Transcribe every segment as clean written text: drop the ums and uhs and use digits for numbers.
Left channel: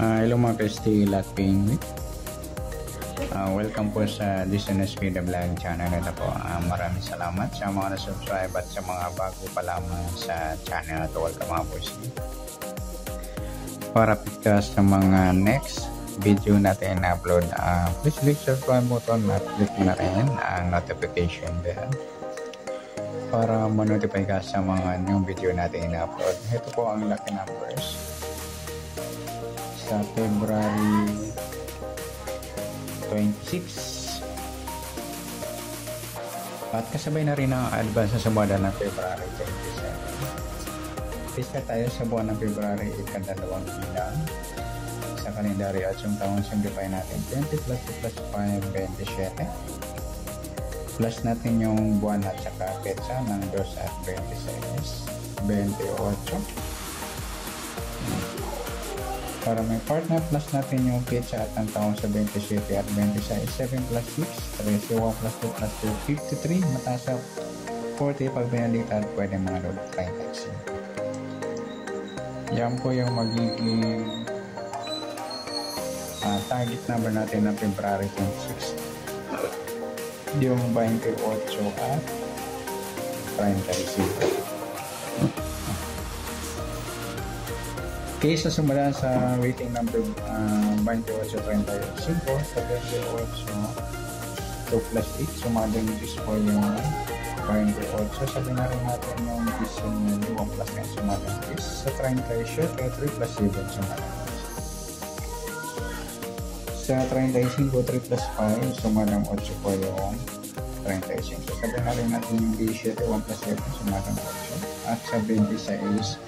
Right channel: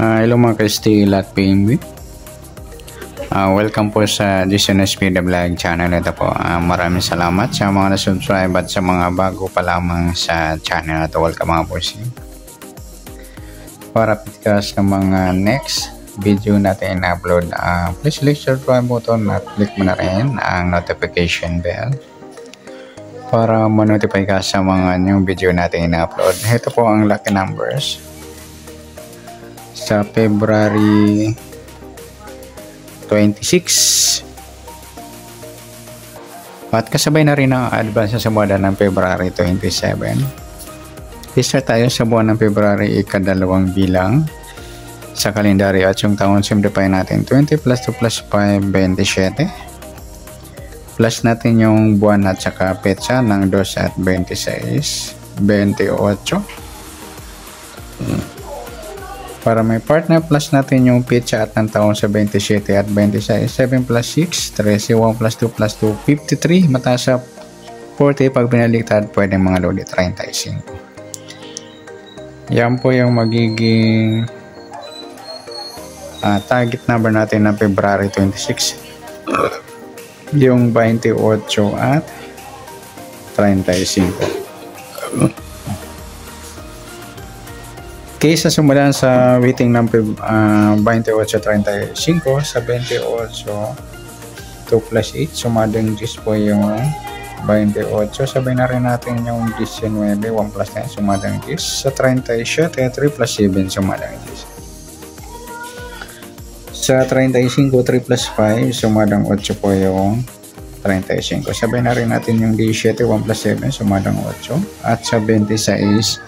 Hello mga ka-stay at PMB. Welcome po sa DSNSP The Vlog channel. Ito po, maraming salamat sa mga na-subscribe at sa mga bago pa lamang sa channel na ito. Welcome mga boss. Para pikas ng mga next video natin na-upload, please click the subscribe button at click mo na rin ang notification bell para ma-notify ka sa mga new video natin na-upload. Ito po ang lucky numbers sa February 26 at kasabay na rin ang advance sa buwan ng February 27. Start tayo sa buwan ng February, ikadalawang bilang sa kalendaryo at yung taon simplify natin 20 plus 2 plus 5, 27 plus natin yung buwan at saka petsa ng 2 at 26, 28. Para may partner, plus natin yung petsa at ng taon sa 27 at 26, 7 plus 6, 13, 1 plus 2 plus 2, 53, mataas sa 40, pag binaliktad, pwede mga lodi 35. Yan po yung magiging target number natin ng February 26, yung 28 at 35. Kaysa sumulan sa waiting ng 28.35 sa 28 2 plus 8 sumadang 10 po yung 28. Sabay na rin natin yung 19 1 plus 9 sumadang 10 sa 37 3 plus 7 sumadang 10 sa 35 3 plus 5 sumadang 8 po yung 35. Sabay na rin natin yung 17 1 plus 7 sumadang 8 at sa 26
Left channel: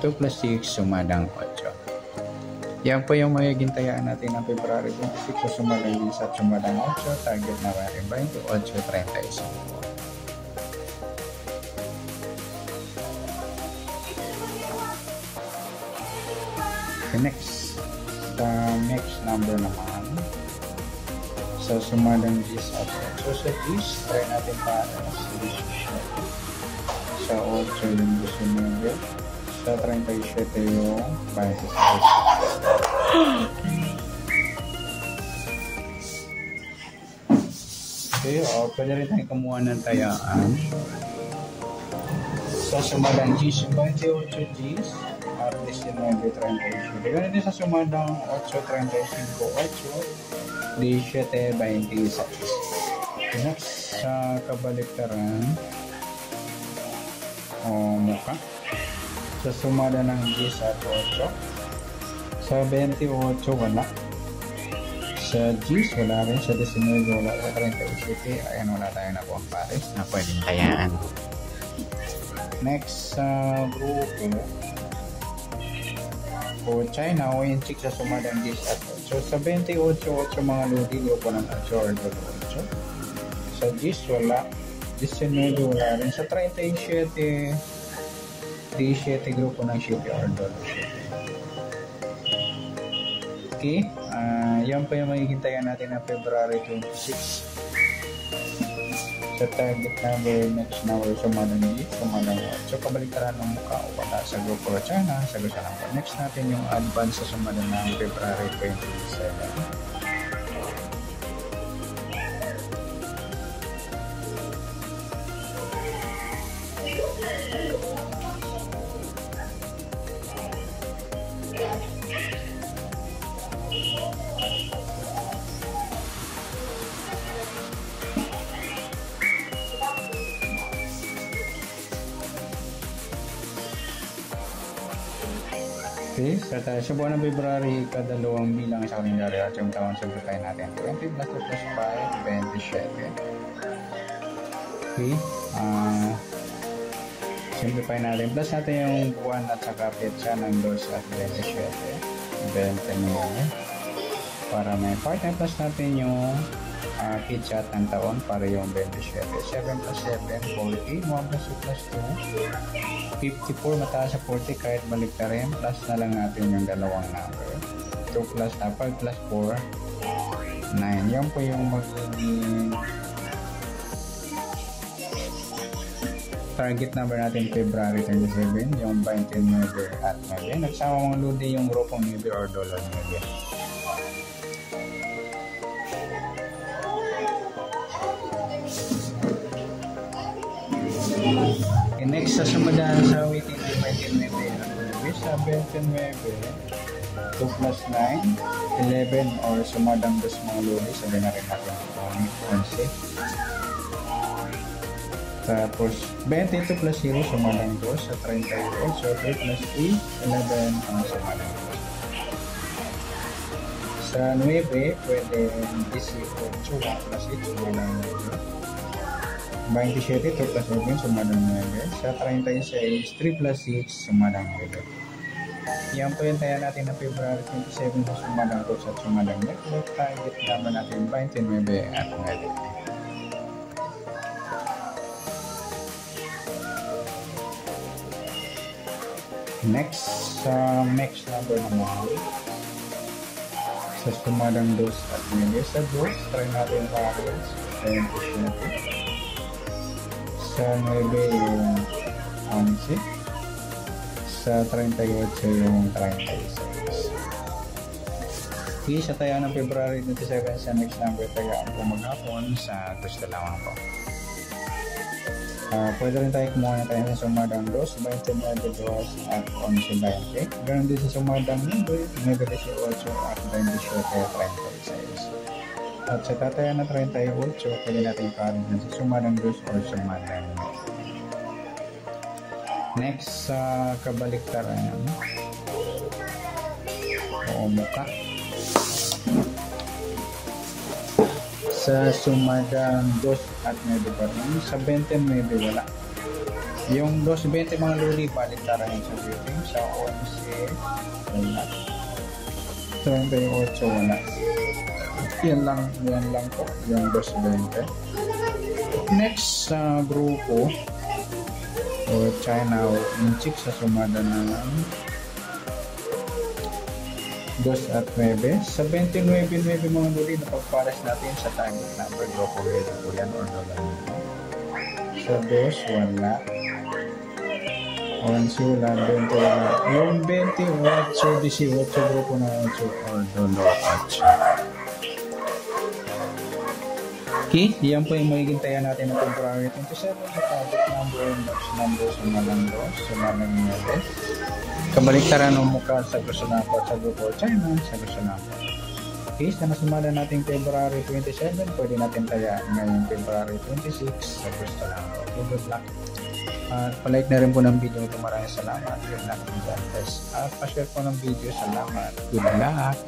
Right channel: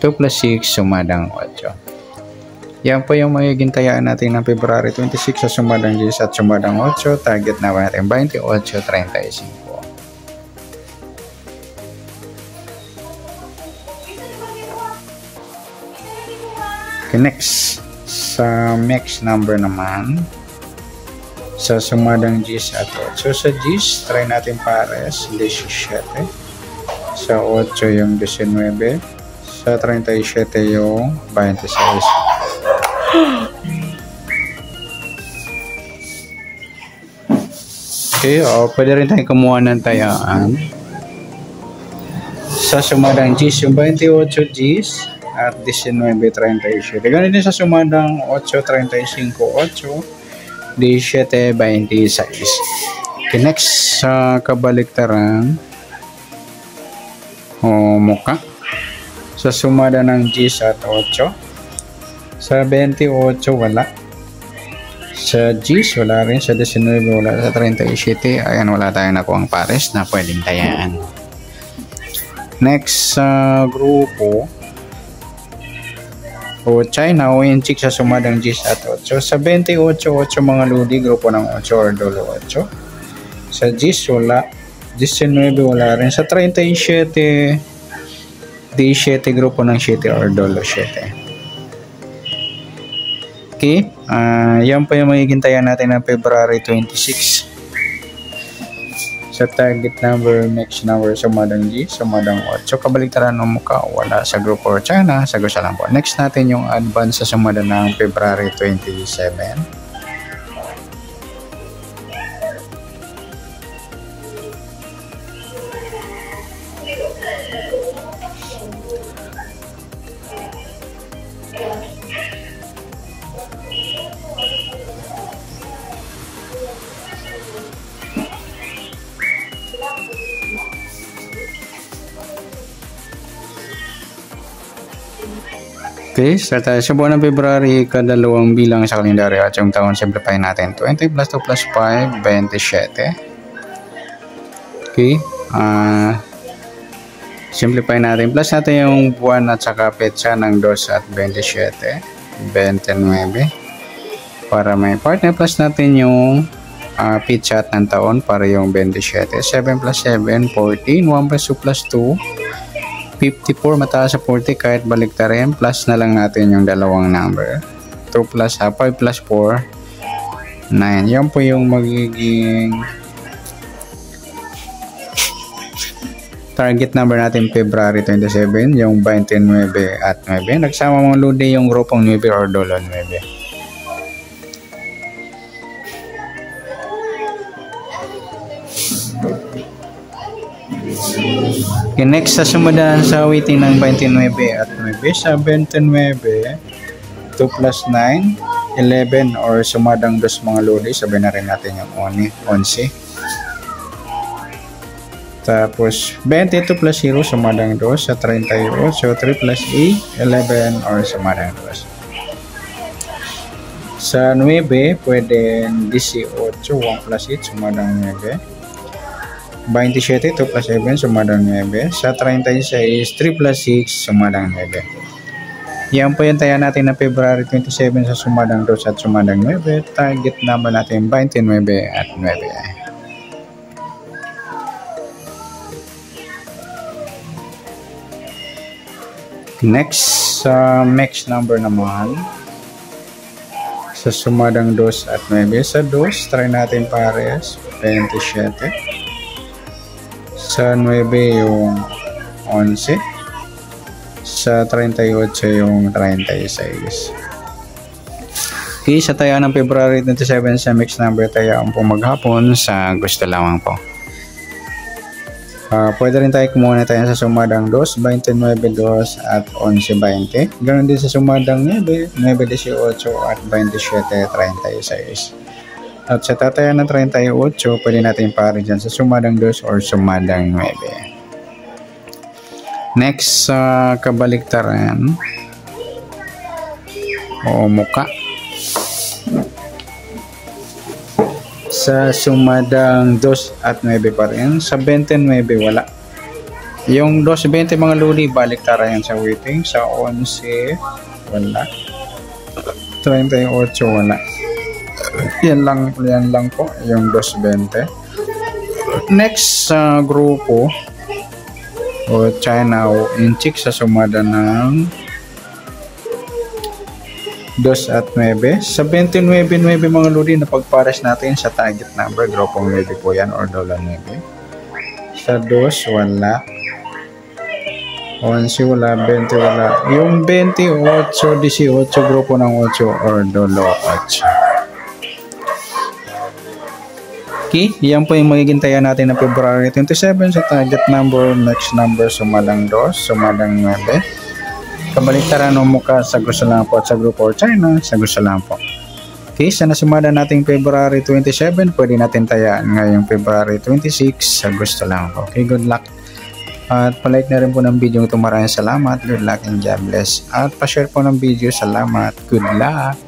2 plus 6 sumadang 8. Yan po yung magiging tayaan natin ng February 26 sa sumadang 10 at sumadang 8. Target na natin 28.35. Okay, next sa next number naman sa sumadang 10 at 8. Sa 10 try natin pares 17, sa 8 yung 19, sa 37 yung 26. Okay, pwede rin tayong kumuha ng tayaan sa sumadang 10 yung 28 Gs at 19.37. Ganun din sa sumadang 8.35 8 17.26. Okay, next sa kabaliktaran muka sa sumada ng 10 at 8. Sa 28 wala. Sa 10 wala rin. Sa 19 wala. Sa 37 ayan, wala tayong nakuha ang pares na pwedeng tayaan. Next sa grupo China o Inchik sa sumadang 10 at 8. Sa 28 8 mga ludi, grupo ng 8 or dolo 8. Sa 10 wala. 19 wala rin. Sa 37 17 grupo ng 7 or dolo 7. Okay, yan po yung magiging tayan natin ng February 26 sa target number, next number sumadang G, sumadang 8. Kabaliktaran ng mukha, wala sa grupo or China, sagot sa lang po. Next natin yung advance sa sumadang ng February 27. Okay, start tayo sa buwan ng February, kadalawang bilang sa kalendaryo at yung taon simplify natin 20 plus 2 plus 5, 27. Okay, simplify natin, plus natin yung buwan at saka petsa ng 2 at 27, 29. Para may partner, plus natin yung petsa at ng taon para yung 27, 7 plus 7, 14, 1 plus 2 plus 2, 54, mataas sa 40 kahit baliktarin, plus na lang natin yung dalawang number 2 plus 5 plus 4 9. Yan po yung magiging Target number natin February 27, yung 29 at 9. Nagsama mga lodi yung grupong 9 or dolo 9. Okay, next sa sumundan sa waiting ng 29 at 9, sa 29, 2 plus 9, 11 or sumadang dos mga lodi, sabihin na rin natin yung 11. Tapos 22 plus 0 sumadang dos sa 38, so 3 plus E, 11 or sumadang dos. Sa 9, pwede 18, 1 plus 8 sumadang 9. 27, 2 plus 7 sumadang 9. Sa 36, 3 plus 6 sumadang 9. Yan po yung taya natin na February 27 sa sumadang 2 at sumadang 9. Target number natin 29 at 9. Next, sa mix number naman, sa sumadang 2 at 9. Sa 2, try natin pares, 27. Sa 9 yung 11. Sa 38 yung 36. Okay, sa taya ng February 27 sa mix number taya ang po maghapon sa gusto lamang po. Pwede rin tayo kumuha tayo sa sumadang 2, 29, 2 at 11, 20. Ganoon din sa sumadang 9, 9, 18 at 27, 36. At sa tataya ng 38, pwede natin pari dyan sa sumadang 2 or sumadang 9. Next, sa kabaliktaran o muka. Sa sumadang 2 at 9 pa rin. Sa 29 wala. Yung 2, 20 mga luli, baliktaran yan sa waiting. Sa 11 wala. 38 wala. Yan lang po yung 220. Next sa grupo o China o Inchik sa sumada ng 2 at 9. Sa 29 mga lodi na pagpares natin sa target number, grupong 9 po yan or dollar 9. Sa 2 wala. 11 wala, 20 wala. Yung 28, 18 grupo ng 8 or dollar 8. Okay, yan po yung magiging taya natin na February 27 sa target number, next number, sumadang 2, sumadang 9. Kabaliktaran o muka sa gusto lang po at sa grupo or China, sa gusto lang po. Okay, sa nasumada nating February 27, pwede natin tayaan ngayong February 26, sa gusto lang po. Okay, good luck. At palike na rin po ng video ito. Maraming salamat. Good luck and God bless. At pa-share po ng video. Salamat. Good luck.